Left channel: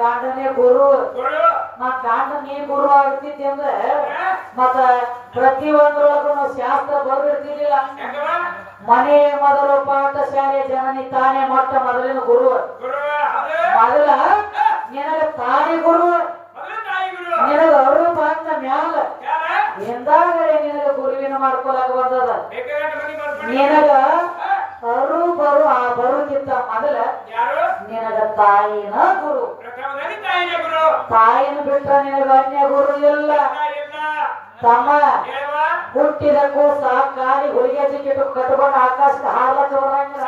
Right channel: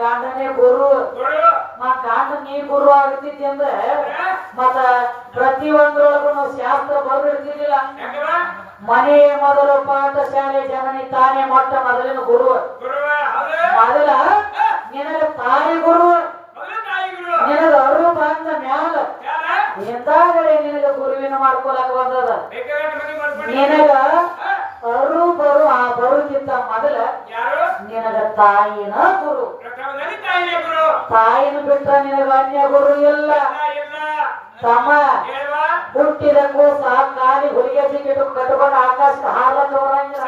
ಗಂಡನೇ ಗುರು ಮತ್ ಗಂಡ ನೀ ಗುರು ಆಗ್ತಿದ್ದಿ ಅಂದ್ರೆ ಮತ್ತ ಪ್ರತಿಯೊಂದ್ರೊಳಗೂ ಶಾಸ್ತ್ರ ಬರ್ಬಿಡ್ತಿರ್ಲಿಲ್ಲ. ಮನೆ ಮೊದಲು ಪಾಠಶಾಲೆ ಜನನಿ ತಾನೇ ಮೊಟ್ಟ ಮೊದಲಿನ ಗುರು. ಮೊದಲ ನಿನಗ ತಾಯಿ ಗುರು, ನಿನಗ ಅರು ಬಂದ ಮ್ಯಾಲ ಎಂದಾಗಲೇ ನಿನಗ ಗುರುವಿನ ಮಾಡ್ಕೊಳಕ್ ಬಂದದ. ನಿನಗ ಅರು ಬರು ಆ ಬರುತ್ತಿದ್ದ ಮೊದಲ ನಿನಗ ತಾಯಿನ ಗುರು. ತಾಯಿನ ಬಿಟ್ಟ ನಿನಗ ಅನ್ಯ ಗುರು ಇಲ್ಲ. ತಮ್ಮ ಹುಟ್ಟಿದ ಕೂಸ ಕಾಲಿ ಹುಡುಗಿಯ ಟಿಕೆಟ್ ಕಟ್ಕೊಂಡು ಆಕಾಶದ ಹಾರಕ್ಕೆ ಬರಂಗಿಲ್ಲ.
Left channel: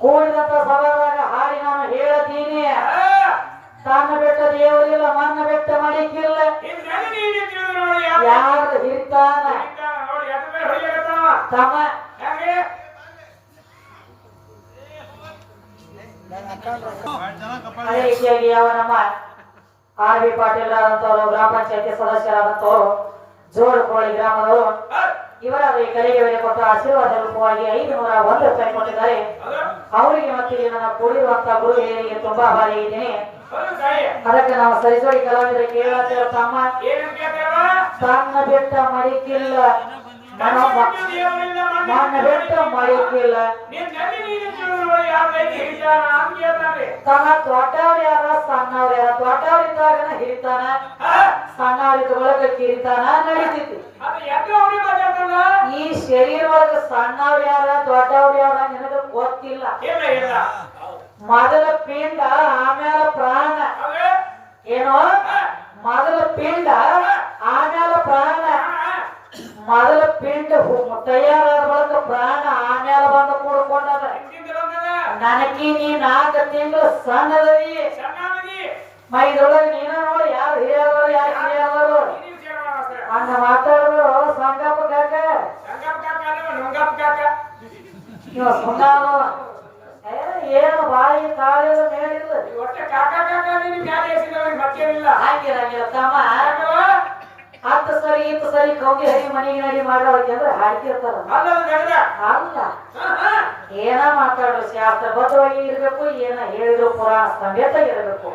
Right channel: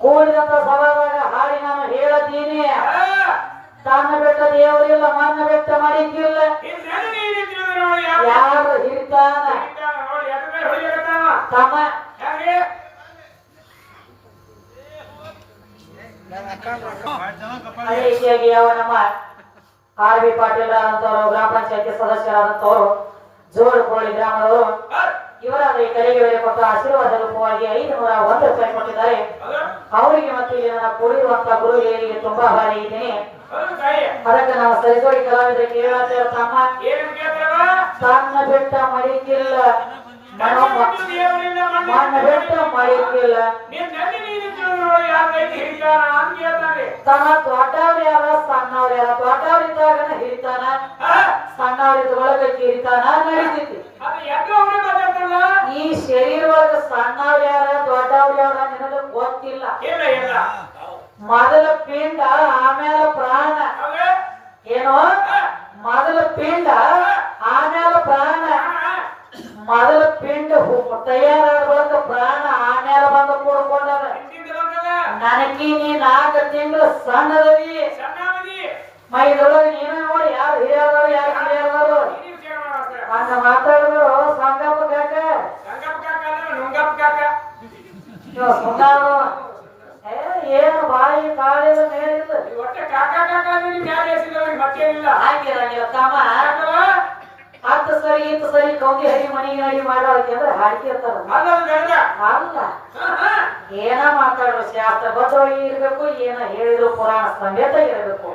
ಕೂಡಿದಂತ ಸಭಾವಾಗ ಹಾಡಿ ನಾನು ಹೇಳತೀನಿ. ತನ್ನ ಬೆಟ್ಟ ದೇವರಿಲ್ಲ, ಮನ್ನ ಬೆಟ್ಟ ಮಡಿಕಿಲ್ಲ. ಯಾರು ಹಿಡಿತಾನ ತಮ್ಮ ಅದೇ ರೀತಿಯಾಗಿ ಯಾವ ನಮ್ಮ ಆರ್.ಬಿ. ಪಾಟೀಲ್ ಆದಂತವರು, ಗ್ರಾಮ ಪಂಚಾಯತಿ ಸದಸ್ಯರಾದಂತವರು, ಜೋಡಕೋಳಿ ಗ್ರಾಮದವರು ಇವರ ಕರೆಗೆ ವೇಳೆ ಕೊಟ್ಟ ಆಶೀರ್ವಾದ ರೂಪವಾಗಿ 501 ರೂಪಾಯಿ ಕೊಟ್ಟಿದ್ದಾರೆ. ಅವರಿಗೆ ಮತ್ತೆ ನನ್ನ ಕೊಡಿರುವಂತ ಗುರುಗಳಿಗೆ ತುಂಬಾ ಭಾರಿ ಇದ್ದೀನಿ. ಅದಕ್ಕೆ ನಾವು ಸರಿಸೋಡಿ ಕಲಾವಿದರಿಗೆ ಹೇಳತ್ತೇವೆ, ತಮ್ಮ ಸಣ್ಣ ಬೆಟ್ಟ ಮಡಿಕಿಲ್ಲ, ಮಣ್ಣ ಬೆಟ್ಟ ಮಡಿಕಿಲ್ಲ. ತಮ್ಮ ದೊಡ್ಡವ್ರು ಯಾರ ಸಣ್ಣವ್ರು ಯಾರ? ದೊಡ್ಡವರಿದ್ದಾಗ ಹಿಡಿತಾನ, ಸಣ್ಣವರಿದ್ದ ಒಳಗೆ ಹಿಡಿತಾನ ನಡೀತಿತ್ತು. ಈ ಶರೀರವಾಗ ಸಣ್ಣವ್ರು ಯಾರ ದೊಡ್ಡವ್ರು ಯಾರ ನಿನಗೆ ಗೊತ್ತಿಲ್ಲ. ಮೊದಲ ಪಿಂಡ ಆಮೇಲೆ ಪ್ರಾಣ. ಏನೋ ಮೊದಲ ಪಿಂಡ ಆಮೇಲೆ ಪ್ರಾಣ. ಮೊದಲ ಪಿಂಡ ತಯಾರಾದ ಬಳಿಕ ಪ್ರಾಣ ಆಮೇಲೆ ಬಂದು ಕೂಡ್ಕೊಂಡದ. ನನಗೆ ನೀ 4 ತಿಂಗಳು ಸಣ್ಣದವಿ. ಮೈದೊಳಗೆ ನೀನು ನೋಡಿ ಯಾರು ಹಿರಿಯರು ಯಾರು ಕಿರಿಯರು ಹಂಗ ಮಾತಾಡಿದ್ರು. ಸಂಗಪ್ಪ ಕಾಕ ಏನು ಬಾಯಿ ಕಾಳಿದ ಮೇಲೆ ಹಾಗಿರಂಗಿಲ್ಲ ತಮ್ಮ ಹತ್ತು ಸರಿ ಇತ್ತು ಸರಿ ಕೌಗಿ ಹರಿ ಮನೆಗೆ ನಡಿ ಮಾಡೋಕೆ ಅಂದ್ರೆ ಹಾಡ್ತಿರ್ತಾರ ಹೌದ ಏನ ಮಾತಾಡೋ ಶಾಸ್ತ್ರ ಬದ್ಧವಾಗಿ ಇರ್ಬೇಕು ಏನ ಹೇಳಿದ್ರು ಪುರಾಣ ಸಮೇತ ಇರಬೇಕು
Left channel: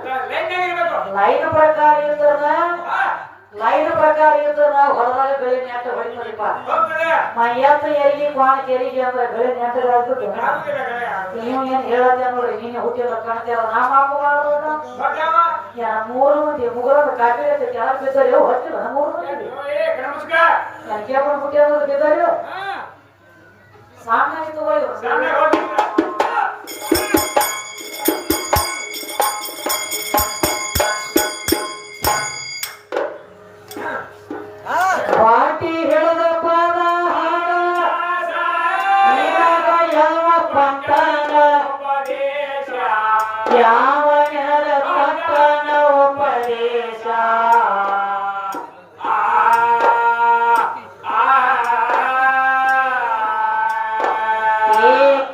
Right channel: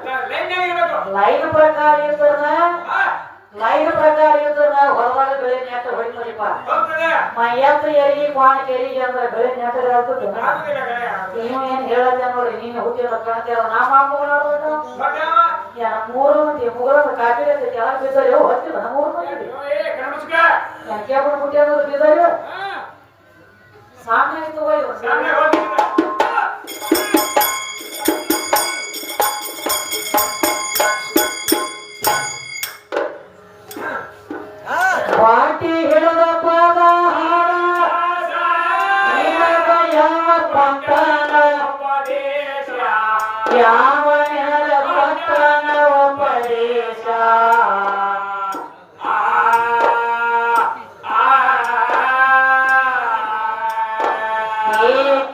ಲೈನ್ ಪ್ರಕಾರ ಇದ್ರ ಹೊರದಾಗ ಬೆಳೆ ನೆಟ್ಟ ಹೊಡಿತೀಪ ಮೈಯತ್ತ ಏರಿಗೆ ಕ್ವಾಣ ಕೇರಿಗೆ ಅಂದ್ರೆ ಬೆಳೆ ನೆಟ್ಟಗಾಗ್ತದೆ ನೀವು ಏನ್ ಹೇಳತ್ತೆ ನೋಡಿ ನೀನು ಹುಟ್ಟಿದ ಕಾಣ್ತೇವ ನಾ ಮಾಮೂಲು ಮೂರು ಮಂದಿ ಮೂರನ್ನು ಕಾಪಿ ಕೆಳಗೆ ಬಿದ್ದರು ಹೊತ್ತಿಲ್ಲ ಮೂರು ಮಂದಿ ಕೇಳ್ಕೊಂಡು ಬಿಟ್ಟಿ ಅನ್ನೋದು ಬಿದ್ದರು ಸಾಮ್ಯ ತಗೊಳ್ಳಿ ಪಾಟಿ ಹಿಡಿದ ಪದ ಹಾಡ ಯಾವ ಪಟ್ಟಣ ಯಾವ ಪಟ್ಟಣ ಉಪದೇಶ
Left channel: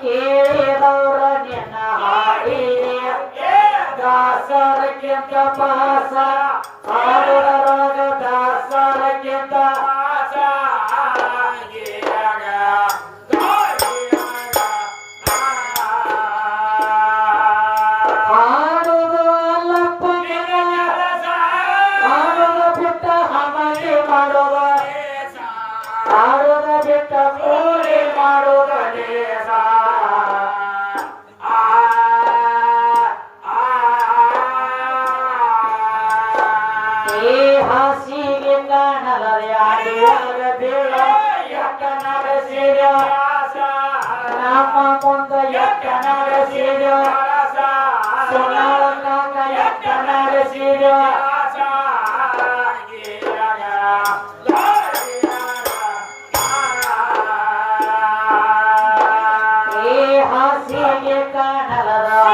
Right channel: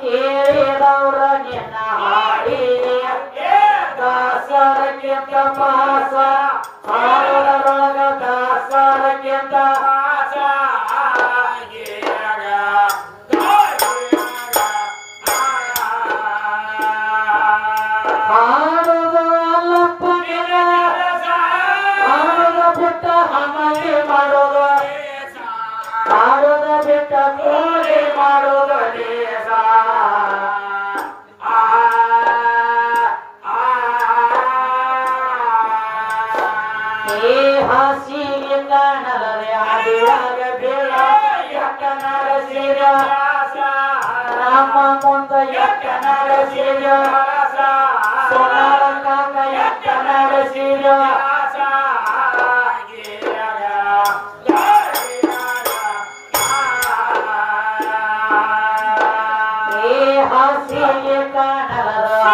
ಕೇಳಿದವರ ನಿನ್ನ ಹಾಡಿ ದಾಸರಕ್ಕಿಂತ ಮಾಸ ಹಾಡುವರೊಳಗ ದಾಸರಕ್ಕಿಂತ ಹಾಡುದು ಅಲ್ಲಪ್ಪ ಹಾಡುದು ಬಿಟ್ಟ ಹಮಲಿ ಮಾಡೋದು ಹಾಡುದು ಬಿಟ್ಟ ಕೂಲಿ ಮಾಡೋದು ಲೇಸ ಹಾಸಿಗೆ ಕಾಣಲಾರ ಬೀಳ ಎಟ್ಟನರ ಸೀರ ನಮ್ಮ ಮುಂದ ಎಟ್ಟನರ ಸೀರ ಸೊನಾಳ ಕಾಕ ಎಟ್ಟನರ ಸೀರ ಹಾಸಿಗೆ ಕಾಣಲಾರ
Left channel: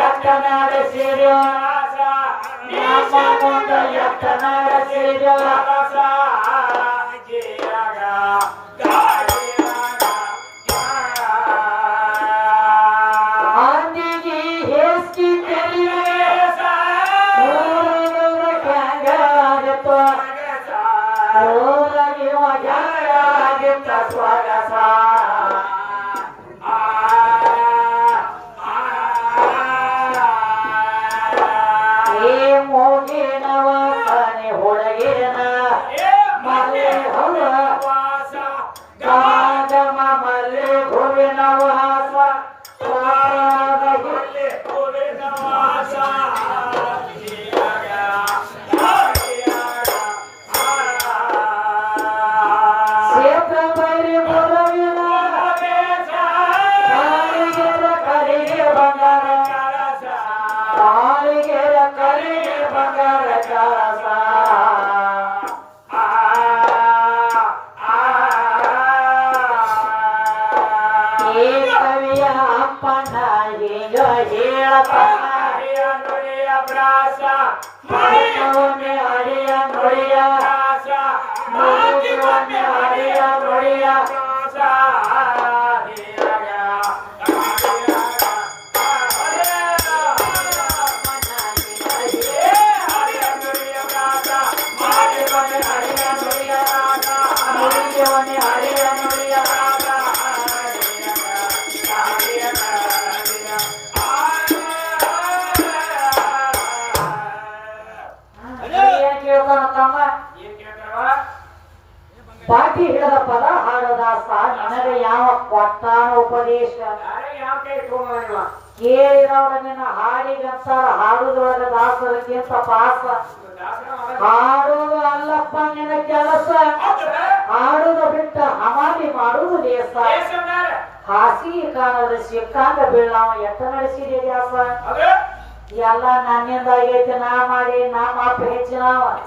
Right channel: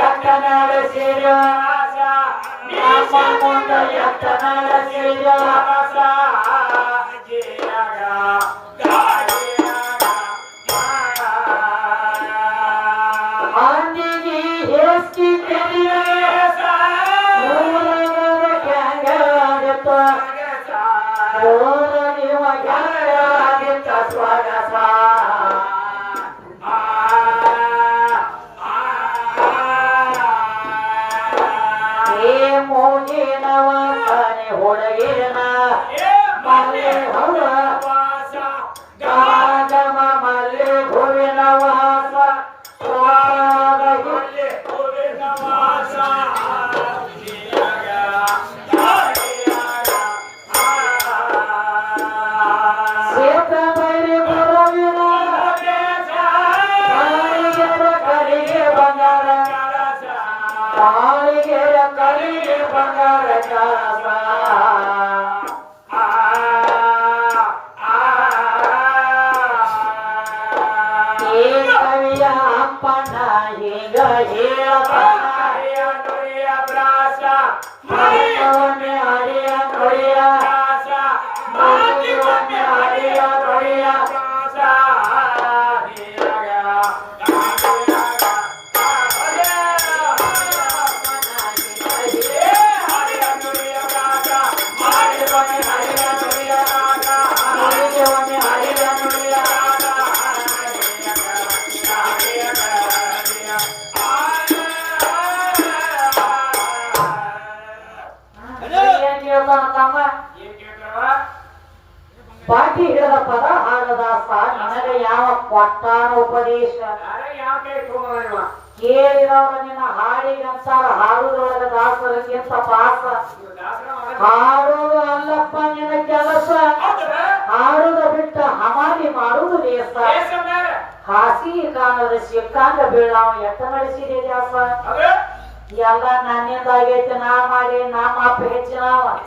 ಎಟ್ಟನರ ಸೀರ ಅಂದಿಗೆ ಹೇಸಿ ಸ್ವಗಸ ಮೋಗಿನವ ಮನೆ ಹೊಳಗೇನ ಮಲೆ ಹೊರ ಗಮ ಮಲೆ ಭುವಿನ ವಾಸ ಸೇತ ಬೈರಿ ಬರವಿನ ಕರಿಗೆ ಬಂಗಾರ ಕಾಳಿಗೆರ ಕರಿಗೆ ಬಂಗಾರ ಕೆಲಸ ಈ ಕವಿಯ ಅಪ್ಪನ ಈಗ ಹೇಳಪ್ರಿಯ ಬ್ರಾಸ ಹರಿಯ ನುಡಿಯ ಹರಿಯ ನುಡಿಯ ಪಾಟಿ ಹಿಡಿದ ಪದ ಹಾಡದಾಸ ನನಗೆ ಯಾವ ಕೊಟ್ಟಾನ ಉಪದೇಶ ಕೇಳಿದವರ ನಿನ್ನ ಹಾಡಿಗಂತಾರ ಹಾಡುದೊಳಗ ದಾಸರಿಗಿಂತ ಪಾಸ ಹಾಡುವುದು ಅಲ್ಲಪ್ಪ ನಿನ್ನ ಕೆಲಸ ಹಾಡುದ ಬಿಟ್ಟ ಹಮಾಲಿ ಮಾಡುವುದು ಲೇಸ ಹಾಸಿ ಕಾಣದ ಸಿಕ್ಕಾಂಗ ಬೀಳಾವ ಎತ್ತ ನಡೆಸಿದೆ ದಾಸ ಎಲ್ಲ ನನ್ನಿಂದ ಆಗೈತೆ ನಾ ಮಾಡಿ ನಾ ಮಾಪ ಹೆಚ್ಚಿನವ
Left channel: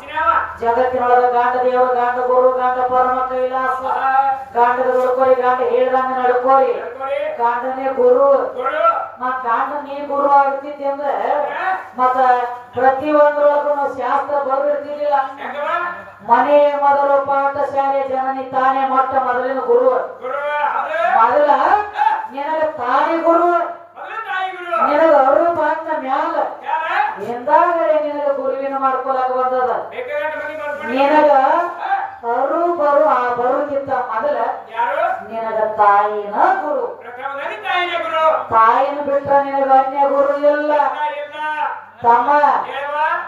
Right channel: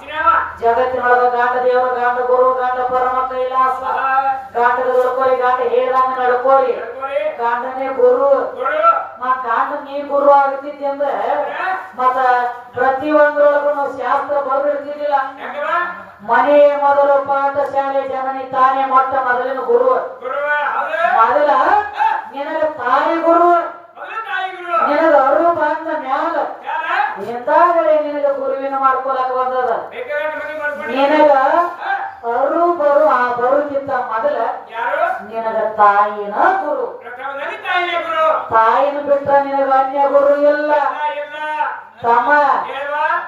ಜಗತ್ತಿನೊಳಗ ಗಾಂಡ ದೇವ ಗಾಂಡ ಗುರು ಗಾಂಡ ಪರಮ ಕೈಲಾಸ ಗಾಂಡದ ಉಳ್ಕೋರಿ ಗಾಂಡ ಹೇಳ್ದಂಗ ನಡ್ಕೋರಿ ಗಾಂಡನೇ ಗುರು ಮತ್ ಗಾಂಡ ನೀ ಗುರು ಆಗ್ತಿದ್ದೆ ಅಂದ್ರೆ ಮತ್ತ ಪ್ರತಿಯೊಂದ್ರೊಳಗೂ ಶಾಸ್ತ್ರ ಬರ್ಬಿಡ್ತಿರ್ಲಿಲ್ಲ ಮನೆ ಮೊದಲು ಪಾಠಶಾಲೆ ಜನನಿ ತಾನೇ ಮೊಟ್ಟ ಮೊದಲಿನ ಗುರು ಮೊದಲ ನಿನಗ ತಾಯಿ ಗುರು ನಿನಗ ಅವರು ಬಂದ ಮ್ಯಾಲ ಹಿಂದಾಗಡೆ ಮದುವೆನ ಮಾಡ್ಕೊಳಕ ಬಂದದ ನಿನಗ ಅವರು ಬರುತ್ತಿದ್ದ ಮೊದಲ ನಿನಗ ತಾಯಿನ ಗುರು ತಾಯಿನ ಬಿಟ್ಟ ನಿನಗ ಅನ್ಯ ಗುರು ಇಲ್ಲ ತಮ್ಮ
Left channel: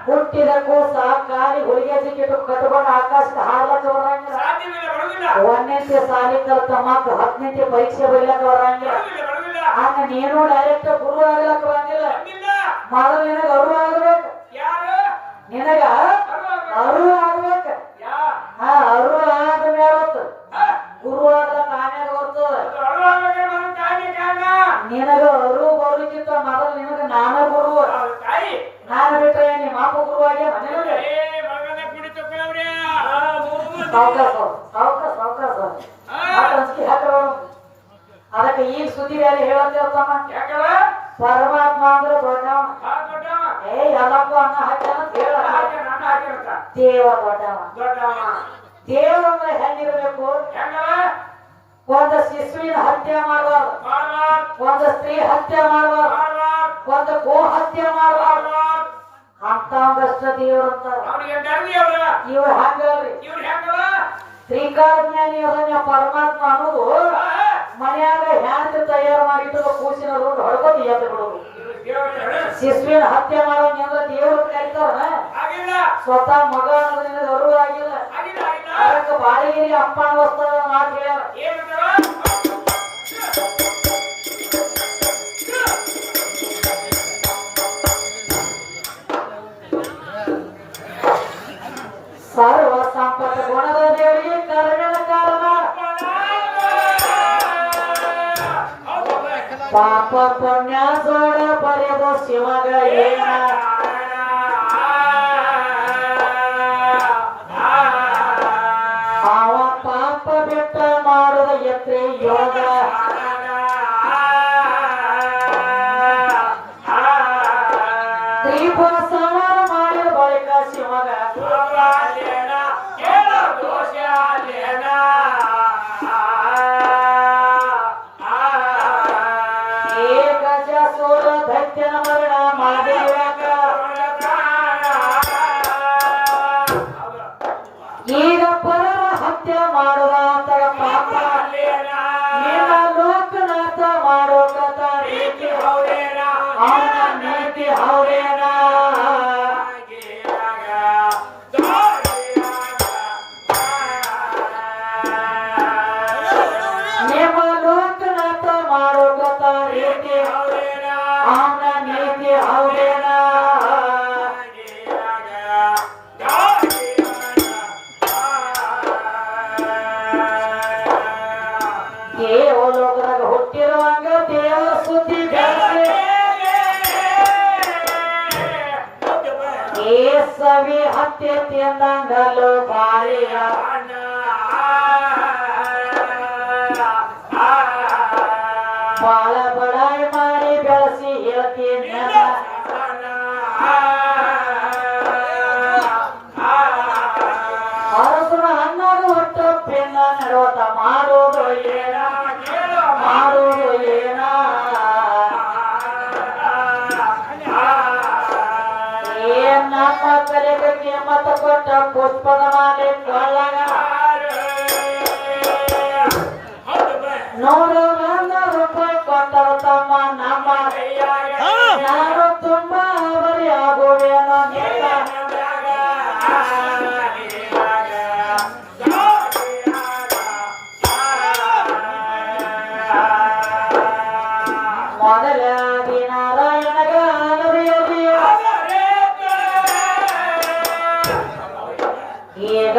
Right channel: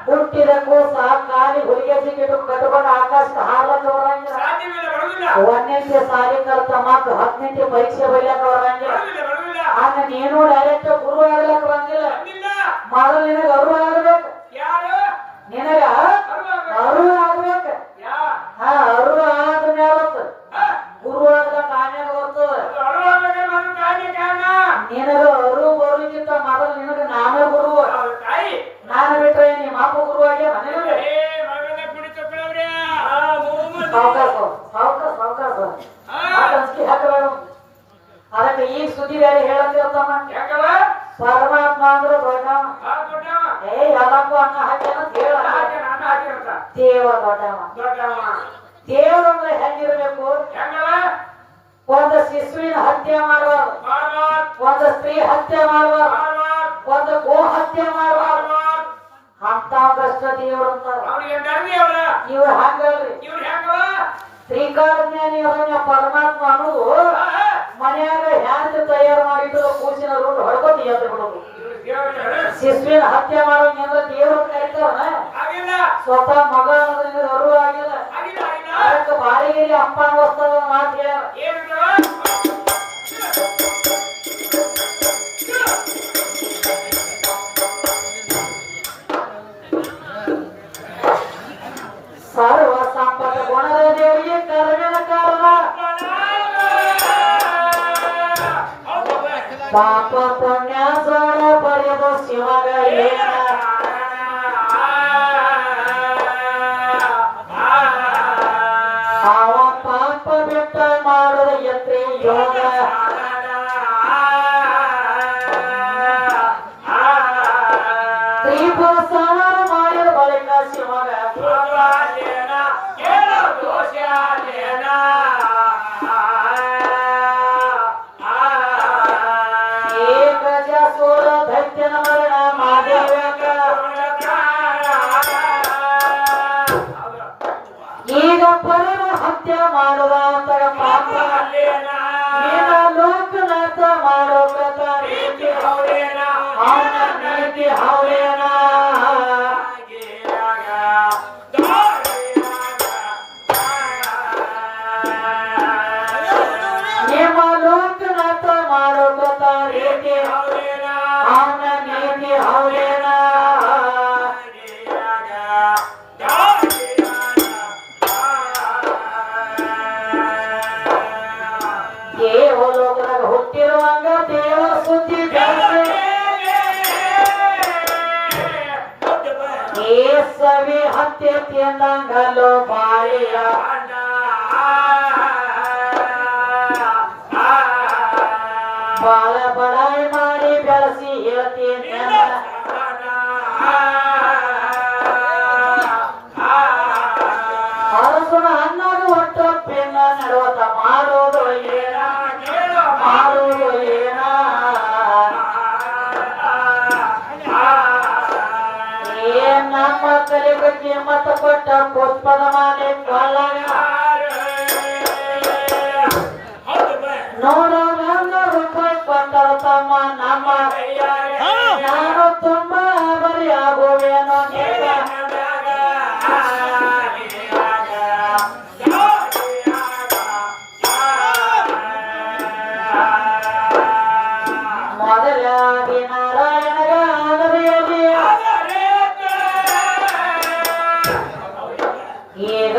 ಹುಟ್ಟಿದ ಕೂಸ ಕಾಲಿ ಹುಡುಗಿಯ ಟಿಕೆಟ್ ಕಟ್ಕೊಂಡು ಆಕಾಶಕ್ಕೆ ಹಾರ್ಲಕ್ಕ ಬರಂಗಿಲ್ಲ ಒಂದನೇ ಸಾಲಿ ಕಲ್ತಮ್ಮ 10ನೇ ಪರೀಕ್ಷೆ ಬರೀಲಕ್ಕ ಬರಂಗಿಲ್ಲ ಆಗ ನೀನು ಡೈರೆಕ್ಟ್ ಗುರು ಆಗ್ಲಕ್ಕ ಬರಂಗಿಲ್ಲ ಮೊದಲು ನಿನಗ ಅವರು ಆಗ್ಬೇಕು ನಿನಗ ಅವರು ಆಗ್ಬೇಕು ಅವರು ಆದ್ಮೇಲೆ ಗುರು ಆಗ್ಲಕ್ಕ ಆಮೇಲೆ ಬರ್ತದ ನಿನಗ ಅವರು ಬರುತ್ತಿದ್ದ ಮೊದಲು ನಿನಗ ನಾನು ಗುರು ನಾನು ಬಿಟ್ರೆ ನಿಮ್ಮ ಅಪ್ಪ ಗುರು ಆಗಿ ಅದಕ್ಕೆ ಈಗ ಸುದ್ದಿ ಬೇರೆ ಹೇಳತ್ತಮ್ಮ ಪರಮಾತ್ಮ ಅಂದ್ರೆ ದೊಡ್ಡವ ಎಲ್ಲಕ್ಕೂ ಅನ್ನ ಹಾಕ್ಯಾನ ದೇವ ದೊಡ್ಡವ ದೇವ ಅಂದ್ರೆ ಹೆಂಗಿರ್ಬೇಕು ಒಂದು ಶಿಶುವಿನ ಹತ್ಯೆ ಮಾಡುವರು ಒಂದು ಸ್ತ್ರೀ ಹತ್ಯೆ ಮಾಡುವರು ಒಂದು ಗೋ ಹತ್ಯೆ ಮಾಡುವರು ಅಂತ ಭ್ರಷ್ಟ ದೇವರು ಅಂತಾರೆ ಇವ್ರು ಹಂಗಲ್ರಿ ಶ್ರೀಕಾರಜ್ಞಾನಿ ಅದನ್ನ ಪರಮಾತ್ಮ ಅನ್ನೋದು ಮನೆಯಾಗ ಹ್ಯಾಂಗ ತಯಾರು ಮಾಡಿದ್ರು ಕೂಸಿನ ರೂಟ್ ಹೊಡ್ಕೊಂಡು ಎದ್ದು ಬಿಡೋದು ಶಿಶುವಿನ ಹತ್ಯೆ ಮಾಡೋಂಗ ದೇವರು ಕರೀತಾರ ಸ್ವತಃ ಮಗ ಅನ್ನೋದ್ರಿಂದ ಅವರು ಆಗಿಲ್ಲ ಅದಕ್ಕೆ ಬಾಡಿಗೆಯಲ್ಲಿ ಅಪ್ಪನ ವಸ್ತ್ರ ಮಾತು ಹೇಳ್ಯಾರ ಸರ್ವ ಸಂಪದ ಗುಣದ ದೇವರಿಗೆ ಕರ್ಮನ ಕಾರಣ ಪಾಪ ಪುಣ್ಯ ಜೋಡ ಬರೆದು ಶಿವಗ ಏನ ಅವ ಪಾಪ ಬಿಟ್ಟ ಮಾಡುವ ಯತ್ರಿ ಯೋಗ ದೀಪ ಸವಾರ ಮಾಡಿದ ಬಳಿಕ ಶಿವಗ ಈಗ ಪರರ ಹತ್ಯೆ ಮಾಡುವ ಪಾಪ ಲೋಕನಾಥ ಮಾಡೋಕ ನೀತಿ ಹೌದೇನ ನಿಮ್ಮ ಲೋಕನಾಥ ಮಾಡೋಕ ನೀತಿ ಅವನ ನೀತಿ ಹೌದೇನ ದೇವಲೋಕದಾಗ ಹುಟ್ಟಿರುವಾಗ ದೇವರ ಸುದ್ದಿ ಸವಿ ಹತ್ಯೆ ತಿಂದಂಗಲು ಬಾಳಿಯ ಬಾಳ ಬಡಾಯಿ ಮಾಡಿ ಬೆಳೆಸಿ ಹೇಳ್ತೀನಿ ಅರಸನ ಅನ್ನಾಗ ಹೊಟ್ಟಪ್ಪಿನ ನಡೋತ ಮಾಡೋದು ಏನ ನಮ್ಮ ತಲೆಗೆ ಕಿಮ್ಮತ್ತ ಕೊಟ್ಟ ಪುಷ್ಪದ ಮಾಡಿ ಕೊಳ್ಳಗ ₹100 ಕೊಟ್ಟರು ತಮ್ಮ ನಮ್ಮ ಯಾರು ತುಂಬಾ ಬರಿ ಆಗುವೇನೋ ಮೊದಲಾಗಿ ನಾರಾಯಣಗ ಈಗ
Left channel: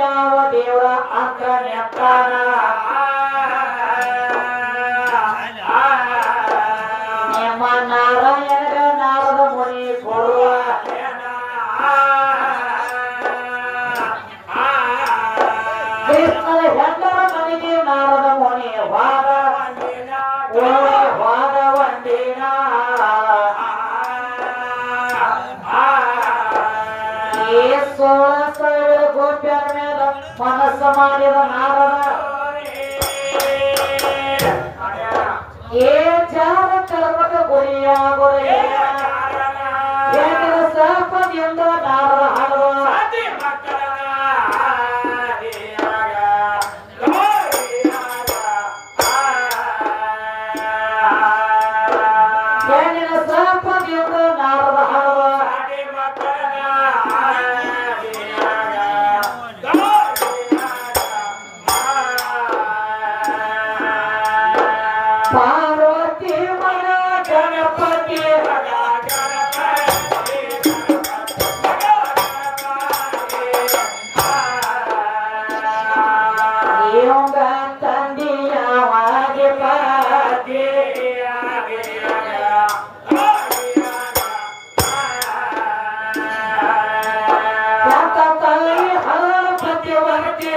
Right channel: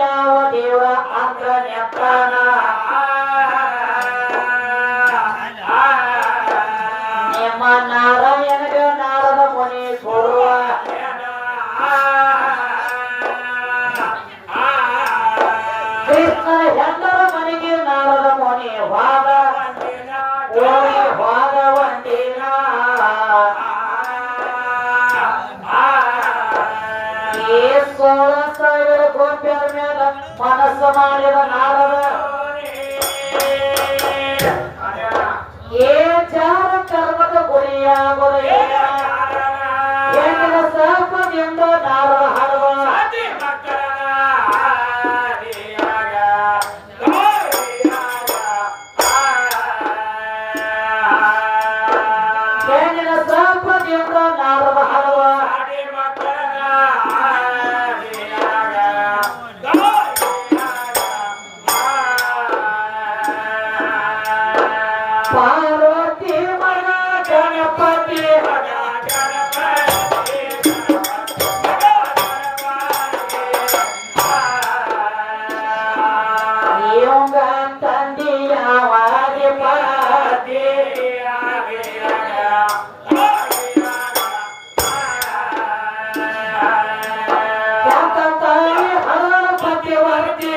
ಯಾವ ದೇವರ ಅಂಕಣ್ಯತ್ತಾನ ನಿಮ್ಮ ನಾರಾಯಣಗ ನಾರದ ಮುನಿ ಕೊಡುವ ಕೃಷ್ಣನ ಹೆಂಡರ ಮನೆಗೆ ನಾರದ ಮುನಿ ವಾದ ಒಂದಿನ ಗೋಪ್ಯರ ಮೇಲೆ ಮನಸ್ಸು ಮಾಡಿದ ನಾರದ ಜಾರ ಕರ್ಮಕ ಗುರಿಯಾಗುವ ಸಾಪ ಸಂಪದಿಂದ ನಾರದ ಹಾಡುವ ಏನಿನ ಸಂಪದಿಂದ ನಾರದ ಹಾಡುವ ಪಾರ್ವತಿ ಮನ ಗಣಪತಿ ಇವಂಗ ತಂದಿಯವಾಗಿ ಪಾದಿ ಯಾಕಂತಾಯಿ ಹರಪತಿ ವರ್ತಿ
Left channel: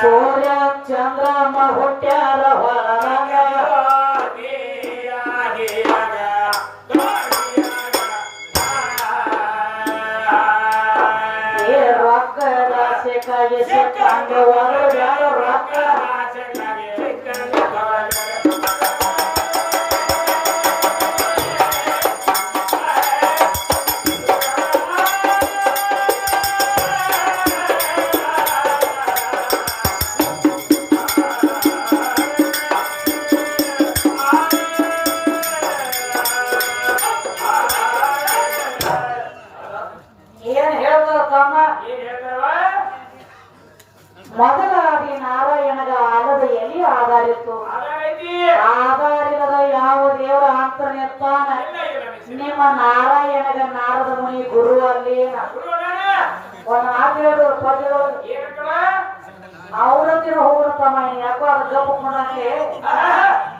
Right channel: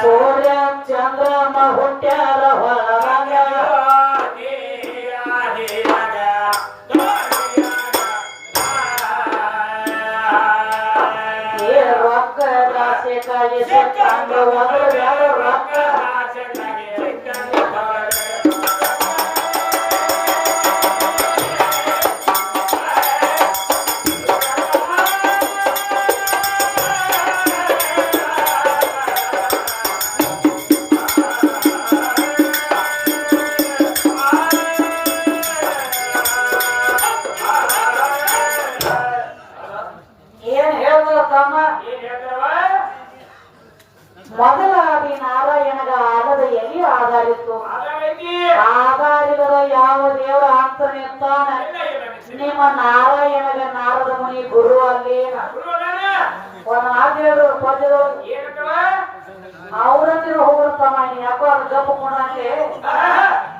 ಸೂರ್ಯ ಚಂದ್ರಮ ಹುಟ್ಟ್ಯಾರ ಹೊರಗ ರೊಕ್ಕ ರಾಶಿಗಾಗಿ ಸಿಕ್ಕಂಗ ಒಂದು ರೊಕ್ಕ ಏನ್ ಹೇಳ್ತಾರ ತಮ್ಮ ಮೊದಲಾಗಿ ನಾರಾಯಣಗ ಆಲದ ಎಲ್ಲಿ ಆಧಾರಿತ್ತು ಆಧಾರಿಲ್ಲದ ಯಾವ ದೇವರ ಅಂತಾನೆ ತಾನ ನಿಮ್ಮ ನಾರಾಯಣಗ ನಾರದ ಮುನಿ ಗುರು ಅಲ್ಲಿ ಒಂದು ಮಾತು ಪದ್ಯಗಳು ಅವ್ರಂದಿನ ಹೋಗ್ತಮ್ಮ ಯಾಕೋ ಅದು ಗಪ್ಪ ಕೊಡಂಗೆ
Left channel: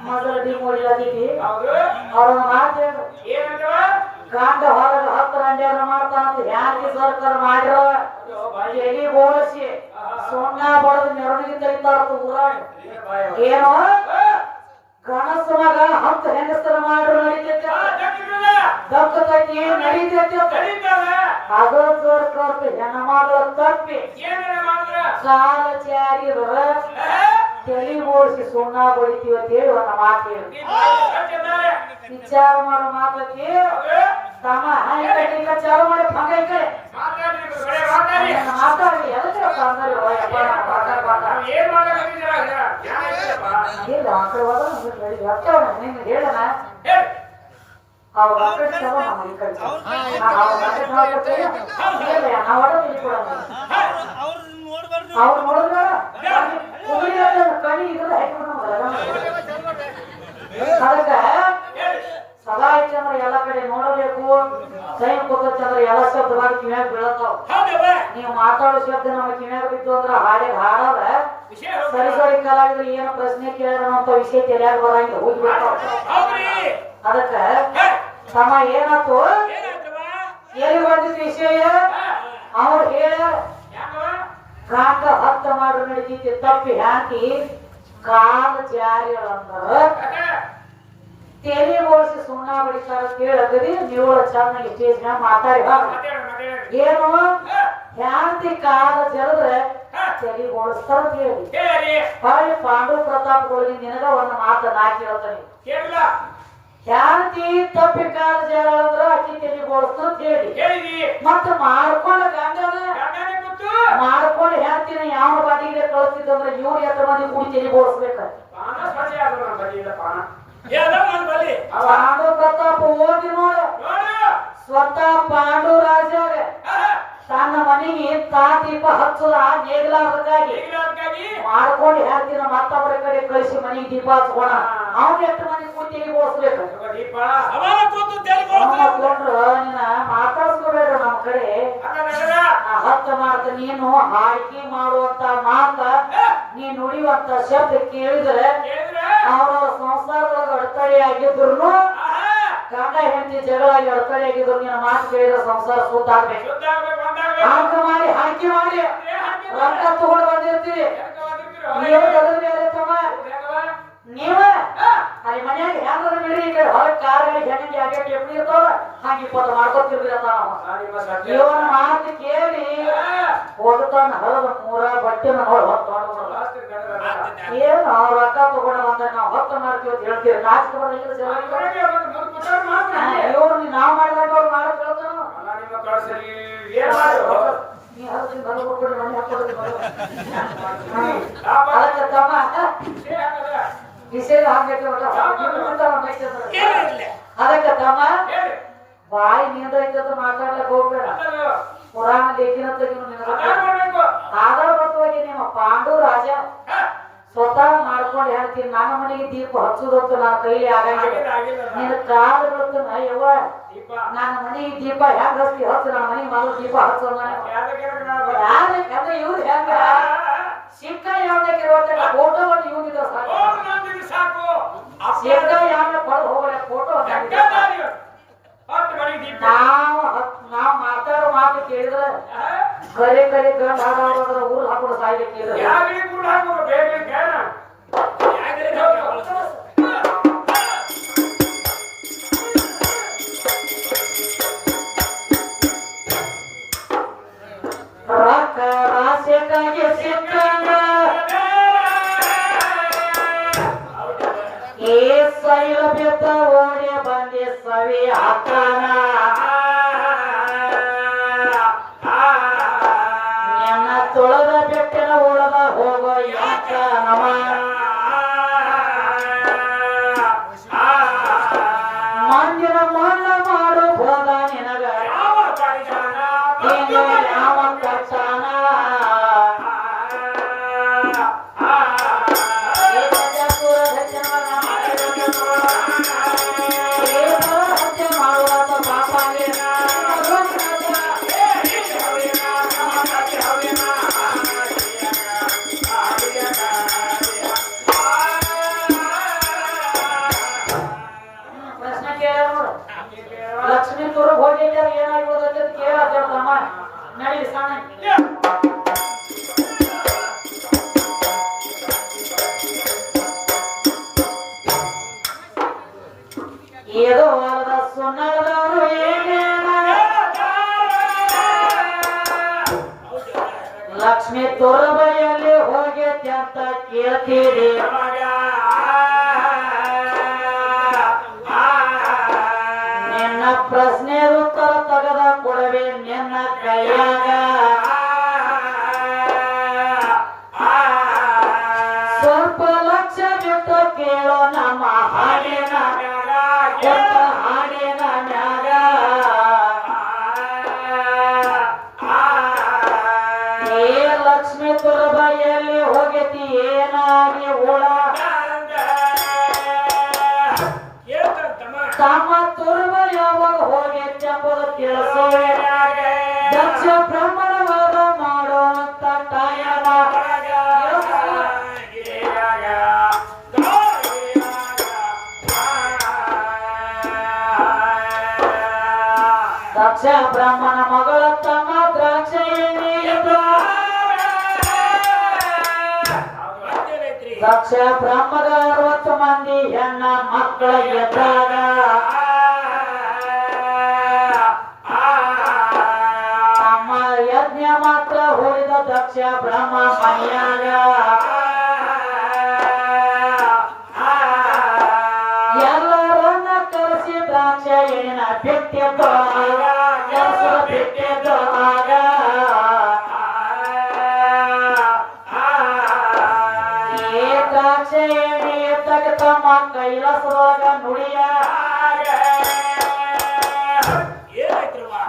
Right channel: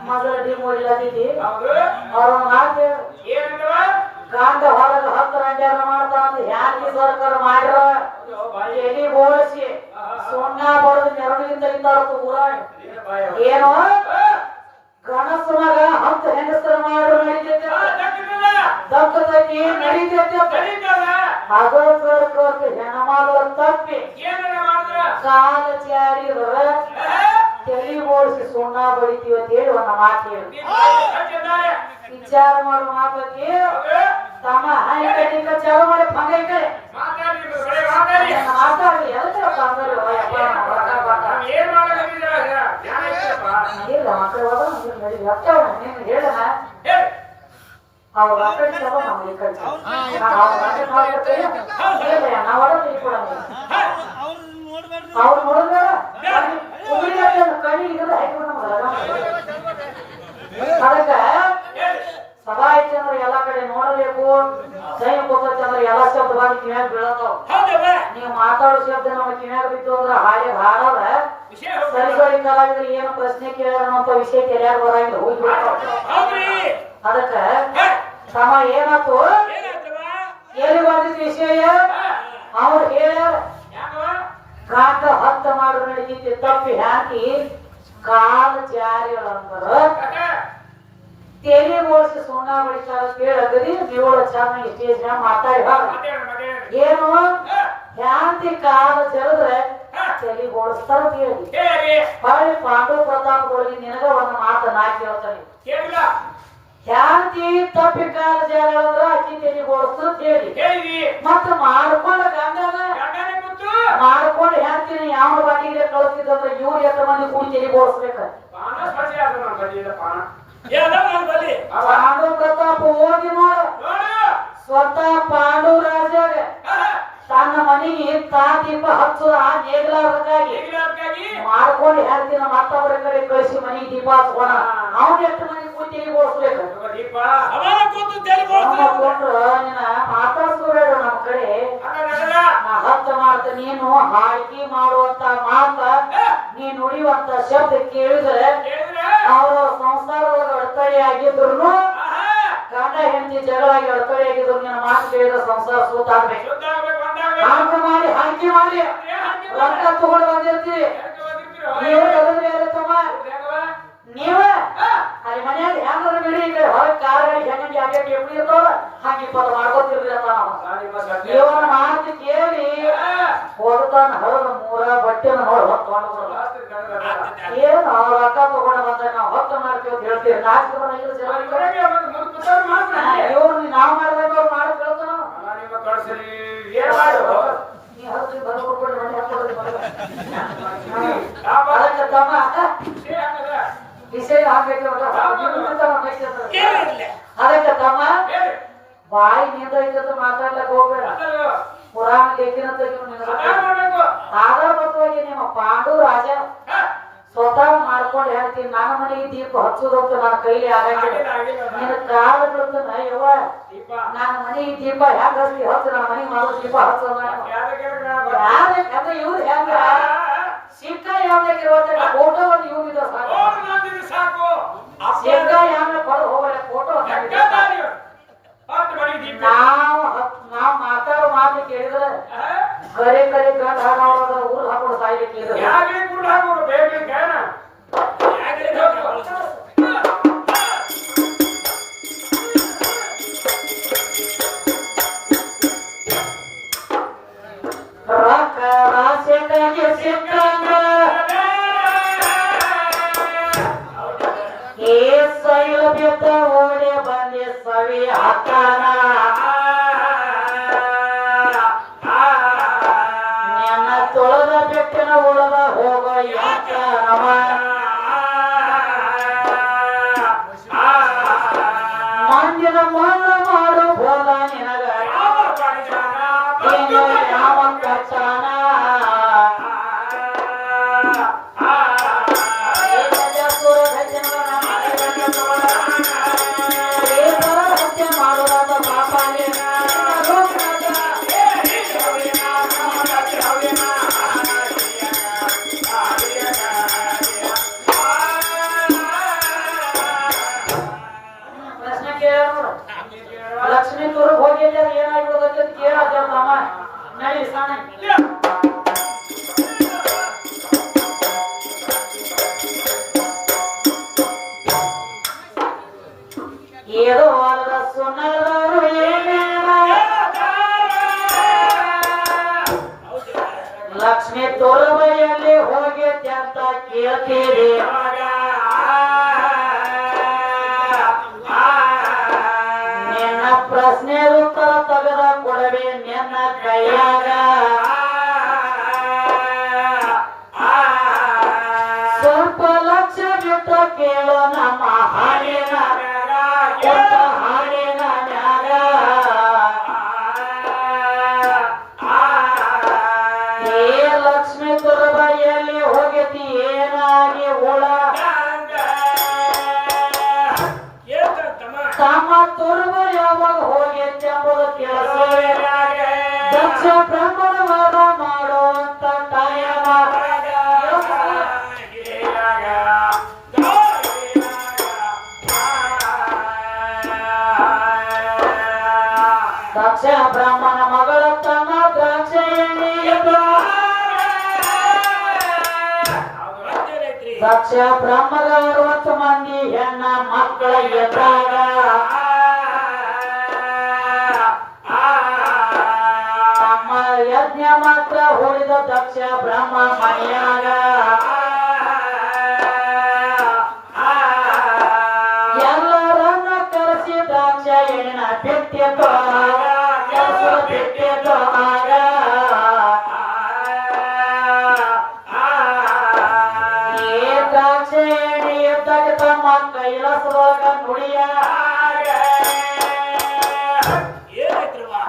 ಮೊದಲ ಡಿಮೋಡಿಲ್ಲದೀವಿ ಅವ್ರ ಮಾತು ಕಾಂಡ ಹೊರಗೆ 10 ರಂಜಾನ ಮಾಡ್ತಾನ ಯಾರಿಗೆ ಸರ್ಕಾರ ಮಾಡಿರ ಎಲ್ಲಿ ಬೋಳಿಸಿ ಸುಣ್ಣ ಬಡದು ನೆರಳಿಂದ ಇದ್ದಾರದು ಊರಾಗ ಏನು ಗಣಸ ಮಗ 10 ಹೆಂಗಸರ ಮಾಡಿರು ನಡೀತೈತೆ ದಕ್ಕತೈತಿ ನಡೀತೈತೆ ಅದು ಸರ್ಕಾರ ಹೆಣ ಮಾಡುವ ತಪ್ಪಿ ಕಾಲ ಚಾರಿದ್ರ ತಲೆ ಬೋಳಿಸಿ ಸುಣ್ಣ ಬಳಿತೀವಿ ಅಂತ ಹೇಳಿ ಒಂದು ಮಾತು ಹೇಳಿ ವಿಚಾರ ಮಾಡೋ ಮಾತಕ್ಕೆ ತಮ್ಮ ಚಾಲು ಮಾಡಿ ಭಂಗ ಈ ಕಡೆ ಮಾತಾಡಿ ಹೇಳ್ತೀರಪ್ಪ ಅಂದ್ರೆ ಹೇಳೋಣ ಅವ್ರ ಚಲೋ ನಮ್ಮ ಈ ಕಡೆ ನಾವು ಅವ್ರು ನೋಡಿದ್ರೆ ಕಣಿ ಇದ್ರೆ ಅದಕ್ಕೆ ಸಭಾಯಚಂದ್ರ ಎಲ್ಲ ಕಡೆ ನೋಡಬೇಕು ಜೈನ ಚಂದ್ರ ಎಲ್ಲ ಶಬ್ದ ಕಿವ್ಯಾಗ ಬೀಳತಾವ ನೀವು ಮಾತಾಡೋ ಶಬ್ದ ನಮ್ಮ ಕಿವ್ಯಾಗ ಬಿದ್ದು ಅಂದ್ರೆ ಹಾಡದ ಸರಿ ಸರಿ ಕಲಾವಿದ್ರು ಏನು ಪ್ರಶ್ನೆ ಕೇಳಿದ್ರೆ ಅಂತ ವಿಷಯ ತಿಳಿಯಾಗ ಬರಂಗ ಹೋಗ್ಬಿಡ್ತಾವ ಅದಕ್ಕೆ ತಮ್ಮ ಏನಾಯ್ತು ಎಲ್ಲಿ ಬಂದಿದ್ದ ವಿಷಯ ಅವ್ರು ಹೇಳ್ಯಾರ ಕಾಕ 10 ಮಾಡ್ರು ನಡೀತಿ ತಪ್ಪಿ ಹಾಕಿ ಕಾಲ ಜಾರಿಗಳಂತಾರ ತೇಲಿ ಬೋಳಿಸಿ ಸುಣ್ಣ ಬಡಿತಾರ ಕೇಳಗದಿ ನೀವಳ ಚೆನ್ನಾಗಿ ಸ್ಟೇಜ್ ಮ್ಯಾಗ ಮಾತಾಡಿ ಏನು ಯಾಂತಿ ಕಾಲ ಜರದ್ರೆ ತಲೆ ಬೋಳಿಸ್ತಾರ ಕೇಳಿ ಹೊಳ್ಳಿ ಪಾಂಡು ಪ್ರತಾಪ್ಗಳಿಗೆ ನಿನಗ ಒಂದು ಮಾತನ್ನ ಹಾಕಿರತ್ತಾನೆ ಯಾಂತಿ ತಪ್ಪಿ ಕಾಲ ಜರ ಅಕ್ಕಿ ತಲೆ ಬೋಳಿಸ್ತ ಹೇಳಿ ಮತ್ತ ಮಾಡ್ಕೊಂಡು ಗಂಗನ ಮಾಡ್ಕೊಂಡು ಹೇಳ್ತೀನಿ ಯಾವ ಬಾಟಿಗೆ ಕಳಿಸ್ತಿದ್ರೆ ಇವ್ರು ಎಷ್ಟು ಮಂದಿ ಕೂಡಿ ತಲೆ ಬೋಳಿಸ್ಬೇಕ ಪಾಂಡು ಪ್ರತಾಪ ಹೋಗಿ ನೋಡು ಸ್ವತಃ ಪಾಂಡು ರಾಜಾಗ ತನ್ನ ಮನೆಗೆ ದೀಪ ಹಚ್ಚುವ ನೇಗ್ಲಾರ್ದಾಗಿ ಮಾಡ್ಕೊಂಡು ಹೇಳ್ತೀನ ಮತ್ತೊಬ್ಬರ ಕಡೆ ಕಳಿಸಿ ಮನೆಗೆ ದೀಪ ಹಚ್ಕೋಣ ಅವನ ಎಷ್ಟು ಮಂದಿ ಕೂತಿ ಓಡಿಸ್ಬೇಕು ಮಾತಾಡ್ಸ್ಕೋಬೇಡ ನಮ್ಮ ಕಡೆ 10 ಮಾತು ನೀನು ಹಾಕಿ ಮಾಡುವಂತ ಮಾತ ನೀ ನುಡಿಯುವಂತ ಶಬ್ದ ಕೇಳಿದ್ರೆ ಅವ್ರವ್ರ ಸಂಸಾರದೊಳಗೆ ಅಡೆತಡೆ ಆಗಿದ್ರು ಗಂಡ ಹೆಂಡತಿ ಜಗಳಾಗಿ ಅಡೆತಡೆ ಆಗಿದ್ರು ನಿನ್ನ ಮಾತು ಕೇಳಿದ್ರೆ ಸಂಸಾರ ಸೂತಾಗ್ಬೇಕು ಹಾಕಿ ಮಾಡಿ ರೊಕ್ಕ ತಗೊಂಡು ಬಂದಿರ್ತೀವಿ ನೀವ ಅಲ್ಲಿ ಮನೆಯಾಗ ಹೆಂಗದ ನೀಡಿ ಹೊರಗೆ ಕಾರಲ್ಲಿ ಹೆಣ್ಣಿಗೆ ಹಾಗೆ ಎಪ್ಪಿ ಇರ್ತಾವ ಹಂಗ 20 ಮಾಡ್ಕೊತಿರ್ಲಿಲ್ಲ ಇವನ ಮಾತು ಕೇಳಿ ಹೋಗ್ತಾನ ಹೊರಗ 3 ಬಟ್ಟೆ ಹೊಟ್ಟೆನ ನೋಡಿ ಹೊತ್ತು ಏನು ಅವ್ರ ಅಕ್ಕ ತಗೊಂಡ ಬಂದ್ರೆ ನಾವು ಹೊತ್ತು ಮಾಡ್ತೀವಿ ಅಂತ ಹೇಳ್ತೀವಿ ನಾಚಿಕೆ ಇವ್ರು ನಾವು ಮಾಡಿದಾಗ ಅವ್ರು ಮಾಡೋದು ಕೇಳ್ತಾನ ಏನ್ ಮಾಡ್ರು ಅದಕ್ಕೆ ತಮ್ಮ ವಿಷಯ ಆಗ್ಬೇಕು ಅದಕ್ಕೆ ತಮ್ಮ ಬಾಯಿ ನಿಂದ ಮಾತಾಡ್ಲಕ್ ಹೋಗ್ಬೇಡ ಪುರಾಣ ಲೇಖನ ಆಧಾರಬದ್ಧವಾಗಿ ನಿಮ್ಮ ಪಾಂಡು ರಾಜ ಸ್ವತಃ ಮಾಡ್ಕೊಂಡು ಹೇಳ್ತೀನಿ ನನ್ನ ಮನೆಗೆ ದೀಪ ಹಚ್ಚುದಂತೂ ನನ್ನ ಕೈಲಿ ಆಗಂಗಿಲ್ಲ ನಿನ್ನ ಕಾಲು ಬೀಳ್ತಾನ ಯವ್ವ ನನ್ನ ಮನೆಗೆ ದೀಪ ಹೆಂಗ್ ಹಚ್ಚಿ ಹಚ್ಚು ನನ್ನ ಮನೆಗೆ ಮಾಡೋ ದೀಪ ಹಚ್ಚೋಣ ಯಾರೇ ಇವ್ರು ಹೆಂಗ ಸಿಕ್ಕ ಯಾವ್ದಕ್ಕೆ ಫೋಟೋವನ್ನು ಇವ್ರಿದ್ರೆ ಸಾಕು ಸಿಕ್ಕ ಯಾವ್ದ ಕೊಡು ಹೋಗ್ಬೇಡ ಫೋಟೋ ನಾವ್ ಮಾತಾಡೋ ಮಾತು ಕೇಳಿದ್ರೆ ಕರೆ ಕರೆ ಗಂಡ ಹಾಡೋದ್ರ ಊರ್ ಹಾಕೋದು ಸಾಯ್ಲಿಕ್ಕೆ ರೊಕ್ಕ ರಾಶಿಯಾಗಿ ಸಿಕ್ಕಂಗ ಏ ಸೈಲ ಬಿದ್ದ ಓಡಿ ಬಂದಿ ಸವಿ ಹಾಕನ ನಿನ್ನ ತೊಳೆದ ಬೆಟ್ಟಿನ ಉಳದ ಹೋಗೋ ಯಾಕ ನಮ ಮಂದಿನ ಮಣ್ಣ ಮಾಡು ಹೋದ ನಿನಗ ಯಾವ ಕಚ್ಚಾನ ಲಕ್ಷ್ಮೀ ತೋರು ಹೋಗಿದ್ದಾರೆ ಏನಾಗ್ಬೋದು ಅಂತ ಕೇಳಮ್ಮ ನಡಿ ಸಾಣ ಏದೋ ವಾರದ ಸುನ್ನದವರು ಏನೇನ ಲಕ್ಷ್ಮೀ ತೋರ ಬೈಯಲ್ಲಿ ಹೋಗೈತೆ ಅಂತ ಕೇಳ್ತೀರಿ ನಿನ್ನ ಪ್ರಶ್ನೆ ಉತ್ತರ ತೆಗೆದ ಕೊಡವೆ ನಿನ್ನ ಕೈಯಾಗ ಸ್ವಲ್ಪ ಲಕ್ಷ ಬಿಟ್ಟು ಕೇಳೋ ನಮ್ಮ ಹಾಡಿನ ಹಾಡಿನ ಮ್ಯಾಗ ಏ ಲಕ್ಷ್ಮೀ ತುರ್ಬೈಯಲ್ಲಿ ಹೋಗತಿ ಏನಾಗಿ ಉಳ ತಮ್ಮ ತುರ್ಬ ಯಾವಾಗ ಹೋಗೈತೆ ಎಂಬುದು ತಿಳಿಸೋ ದಕ್ಷ ಬ್ರಹ್ಮಣವಾದ ಮಾಡುವಂತ ತಾಯನ ದಕ್ಷ ಬ್ರಾಹ್ಮಣ ಮಗಳ ತಮ್ಮ ದ್ರಾಕ್ಷ ದಕ್ಷ ಬ್ರಹ್ಮದ 60 ಮಂದಿ ಹೆಣ್ಣ ಮಕ್ಕಳ ಎದ್ರಾಗ ತಮ್ಮ ಯಜ್ಞ ಮಾತ್ರ ಹೊಡೆದ ದಕ್ಷ ಬ್ರಹ್ಮ ಮನೆಯಾಗ ಎಲ್ಲರನ್ನ ಕರೆಸಿ ದ್ರಾಕ್ಷ ಎಣ್ಣ ಬಿಟ್ಟಿದ್ದಾಗ ಬಿಟ್ಟಿದ್ದಾಗ ದ್ರಾಕ್ಷ ಎಣ್ಣೆ ಎದ್ದಾಗ ತಮ್ಮ ಕೈಲಾಸವಾಗ ನುಡಿಯ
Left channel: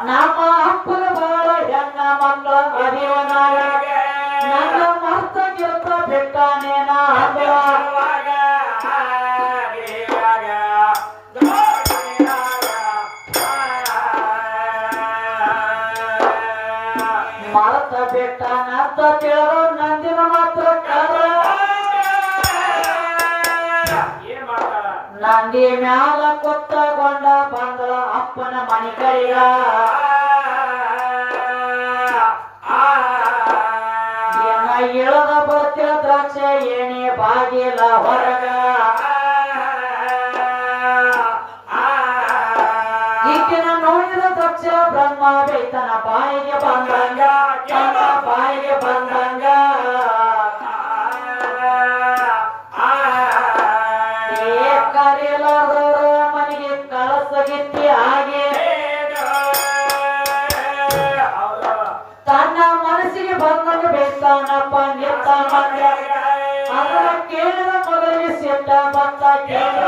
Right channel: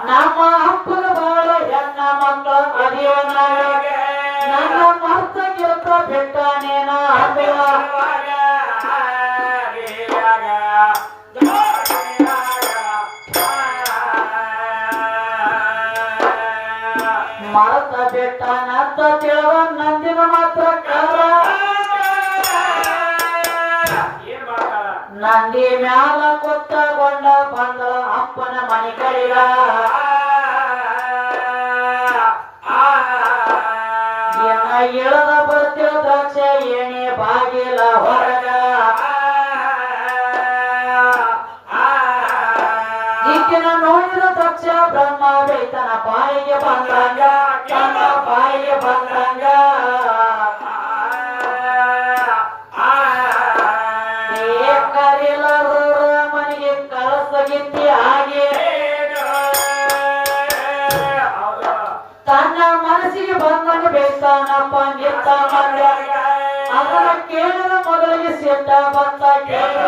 ನಮ್ಮ ಅಪ್ಪನ ಬಾಳ ಹೆಣ್ಣ ಮಕ್ಕಳ ಮದುವೆನಾಗ ನನ್ನ ಮರ್ತ ಗೆಲ್ತ ಬಿಟ್ಟಾನೇನ ಮರ್ತ ಬಿಟ್ಟಾನಂತ ತಿಳವ ನಂದಿನ ಮಾತ್ರ ಕರ ನಂದಿ ಮ್ಯಾಲ ಕೊತ್ತಗೊಂಡ ಬಂದ ಅಪ್ಪನ ಮನೆ ಕೈಗ ಇಳದ ಬರ್ತಿರ ದ್ರಾಕ್ಷ ಏಣಿ ಬಾಗಿಲ ಹೊರಗ ಈಕಿನ ನೋಡಿದ ದ್ರಾಕ್ಷ ಬ್ರಹ್ಮ ಬೇತನ ಬಾಯಿಗೆ ಬಂದಂಗ ಬಾಯಿಗೆ ಬಂದಂಗ ನಿಂತಾನಪ್ಪ ನಿಂತ ಮಗ ಅದರ ಕೇಳಿದ ಮಗಳಿಗೆ ಸಿಟ್ಟ ಬಂತ ಕೇಳಿ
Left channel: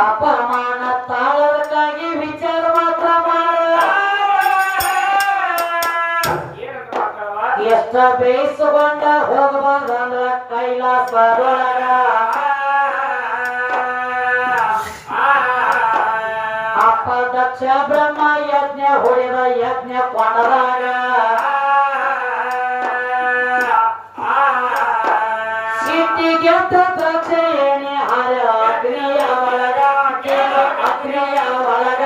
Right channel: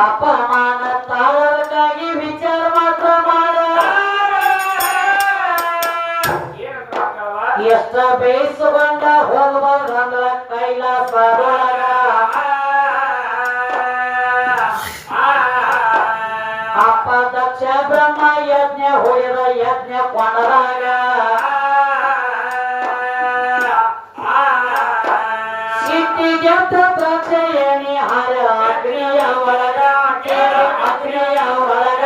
ಅಪಮಾನ ತಾಳದಕ್ಕಾಗಿ ವಿಚಾರ ಮಾತ್ರ ಮಾಡ ಎಷ್ಟ ಬೇಯಿಸಿಕೊಂಡ ಹೋಗಬಾರ್ದಂದ್ರ ಕೈಲಾಸದೊಳಗ ಅಪ್ಪ ದಕ್ಷ ಬ್ರಹ್ಮ ಯಜ್ಞ ಹೊಡೆದ ಯಜ್ಞ ಕೊಂಡದಾಗ ಸಿಟ್ಟಿಗೆದ್ದ ದಕ್ಷ ಏಣಿ ಹರ ಅಗ್ನಿಯ ಒಳಗ ಅಗ್ನಿಯ ಒಳಗ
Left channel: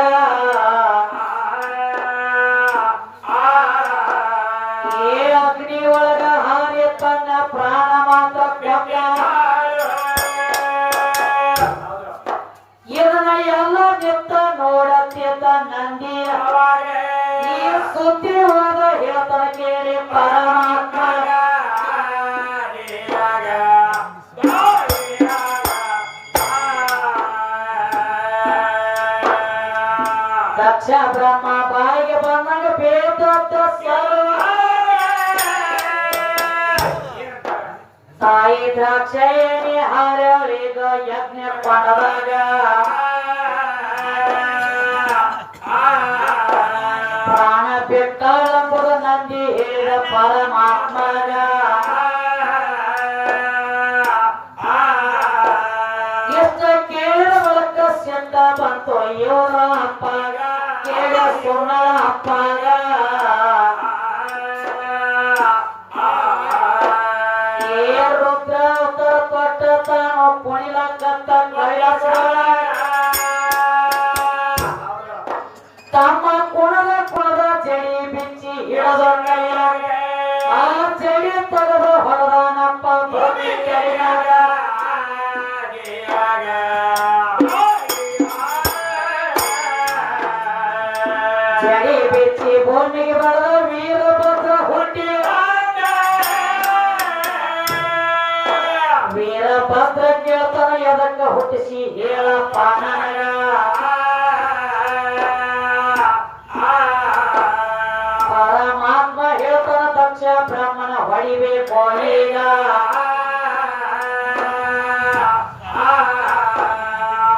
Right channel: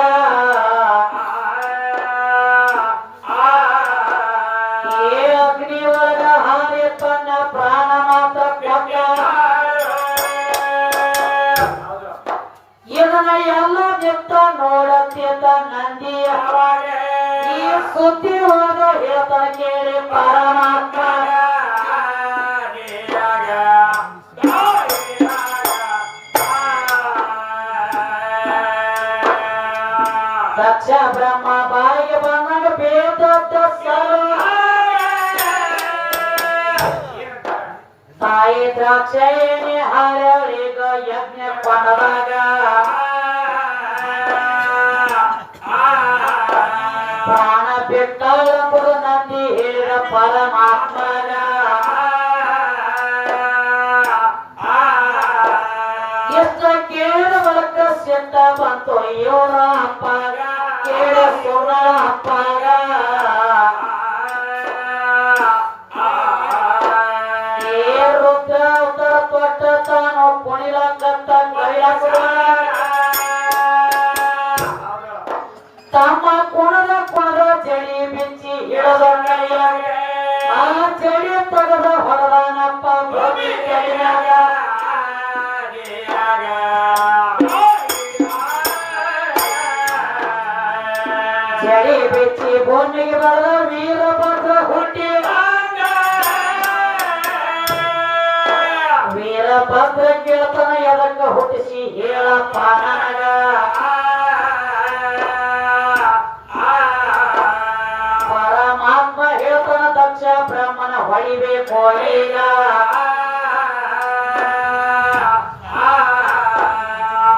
ಏ ಅಗ್ನಿ ಒಳಗ ಹಾರಿ ತನ್ನ ಪ್ರಾಣ ಮಾತ್ರ ಇದನ್ನ ಎಲ್ಲ ನಿಂತ ನೋಡತ್ತಿದ್ದ ನಂದಿಯ ಈ ಸುದ್ದಿವಾದ ಹೇಳ್ತಾನ ಕೇಳಿ ಪರಮಾತ್ಮ ದಕ್ಷ ಬ್ರಹ್ಮ ಬಾಯಿಗೆ ಬಂದಾಗ ಬೇದತ್ತ ತಾಯಿ ದ್ರಾಕ್ಷಾಯಣಿ ಹಾರಳಿಗ ಯಜ್ಞ ಕೊಂಡದಾಗ ಪ್ರಾಣ ಬಿಟ್ಟಳೆಂಬುದು ನಂದಿ ಹೇಳಿದ ಪರಮಾತ್ಮಗ ಎಷ್ಟ ಕೇಳಿದ ಬಳಿಕ ಸಿಟ್ಟ ಬಂತು ಇವನ ಅಪ್ಪಗ ಕೇಳ ಸುಣ ಅಪ್ಪಗ ತಾನು ಕುಣಿಲಕತ್ತ ತಮ್ಮ ಕುಣದ ಜಡಿ ಬಿಚ್ಚಿ ಹಿಡದ ಕೈಯಾಗ ಆ ಜಡಿ ತೆಗೆದ ಹೊರದಾನಪ್ಪ ಕೈಯಾಗ ಜಡಿ ಬಿಚ್ಚಿ ಭೂಮಿಗೆ ಬರದ ವೀರಭದ್ರ ಹುಟ್ಟಿ ವೀರಭದ್ರ ಕೇಳ್ತಾನ ಎದಕ್ಕ ಹುಟ್ಟಿಸಿ ಹೇಳಪ್ಪ ನನಗ ಪರಮಾತ್ಮ ಹೇಳ್ತಾನ ದಕ್ಷ ಬ್ರಹ್ಮನ ಹೊಳಿಬೇಕು ಈಗ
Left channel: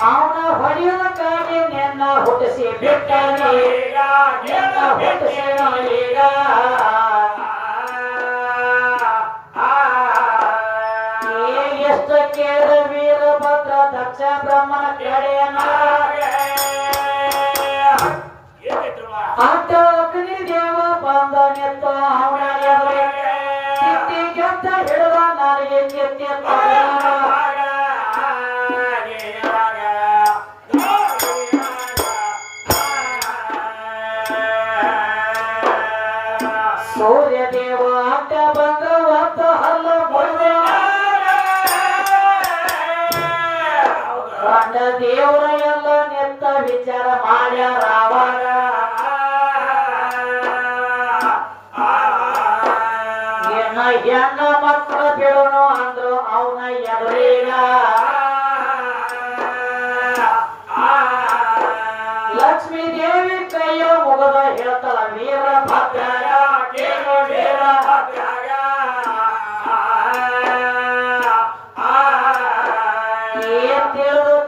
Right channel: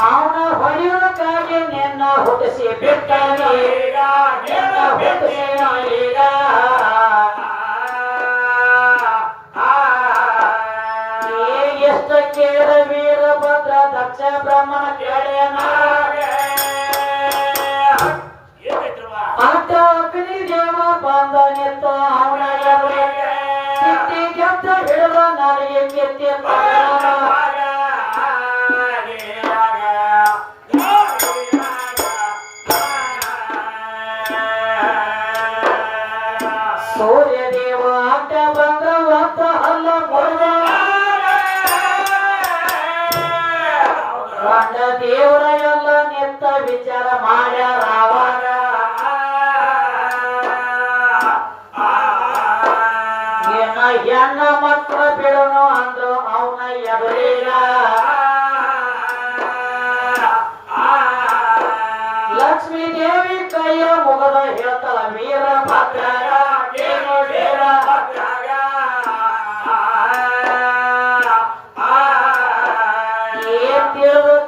ಅವನ ಹೊಳೆಯೋದಕ್ಕಾಗಿ ನಿನ್ನ ಹುಟ್ಟಿಸಿ ಬಿಟ್ಟ ನಿನ್ನ ಹುಟ್ಟಿಸಿ ಈಗ ಕೇಳ ವೀರಭದ್ರ ದಕ್ಷ ಬ್ರಹ್ಮನ ಕಡೆಯನ ಅಡ್ಡ ಅಗ್ನಿ ದೇವ ಬಂದ ನಿಂತ ಅವನ ಕಿತ್ತಿ ಗೆದ್ದ ಹಿಡಿದ ನಾಲಿಗೆ ಕಿತ್ತಿ ಸೂರ್ಯ ದೇವ ಅಡ್ಡ ಬಂದ ಒತ್ತ ಅಲ್ಲ ಬಂದ ದೇವರ ಎಲ್ಲ ನಿಂತ ವಿಚಾರ ಮಾಡ್ಯಾರ ಅವಾಗ ಏನ ಹೆಣ್ಣ ಮಕ್ಕಳ ಬಿಡೋನು ಅಂದ್ರು ಅವನ ಎದುರೀಗ ಲಕ್ಷ್ಮೀ ದೇವಿ ಕೈಯ ಮುಗದ ಹೇಳ್ತಾಳ ವೀರಭದ್ರ ಕೇಳು ವೀರಭದ್ರ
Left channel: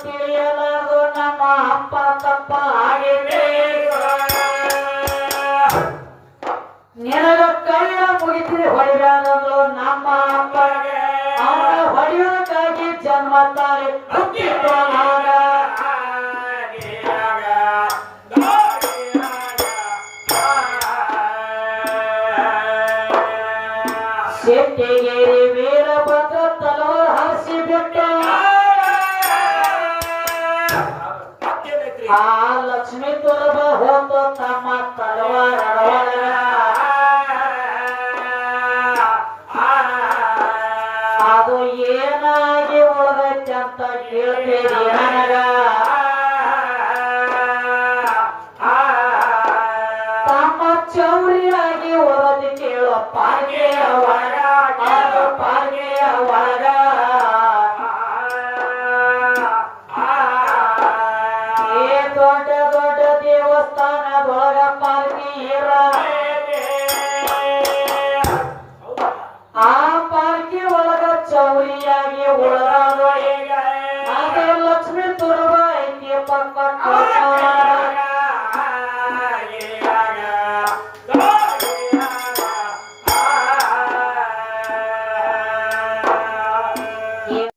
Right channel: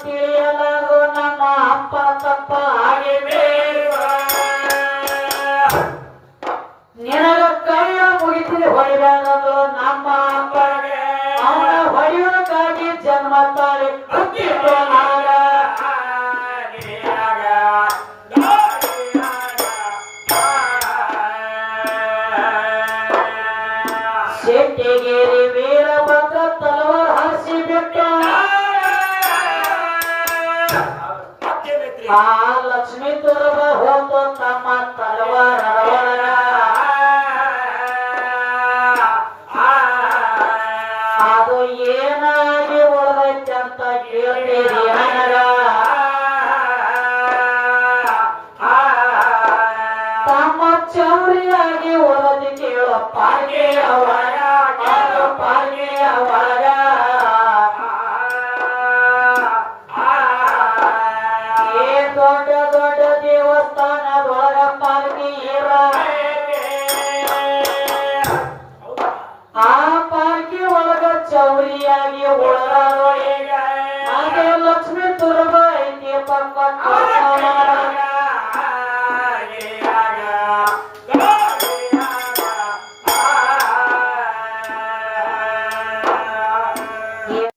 ತಿಳಿಯಲಾರು ನಮ್ಮ ಅಪ್ಪ ತಪ್ಪ ಆಗಿದೆ ನಿನಗ ಕೈಯ ಮುಗಿಸಿ ಹೊಡಿಬೇಡದು ನಮ್ಮ ಅಪ್ಪಗೆ ಅವನ ಹೊಡೆಯೋದಕ್ಕಾಗಿ ಜನ್ಮ ತಾಳಿ ಶೆಟ್ಟಿಗೇರಿ ವೀರಭದ್ರ ತಲವಾರ ಹರಿಸಿ ಬಿಟ್ಟ ಆ ಲಕ್ಷ್ಮೀ ತುರಬ ಹೋತು ತಮ್ಮ ತಲವಾರ ಅದು ಏನಾಗಿ ಉಳಿದೈತೆ ಅಂತ ಕೇಳ್ತೀರಿ ನನಗ ತಮ್ಮ ಚೌರಿಯಾಗಿ ಉಳದಿ ಕೇಳೋ ಪಾರ್ಗೆಯ ಒಳಗ ಪಾರ್ಗೆಯ ಒಳಗ ಕೋಲಾರ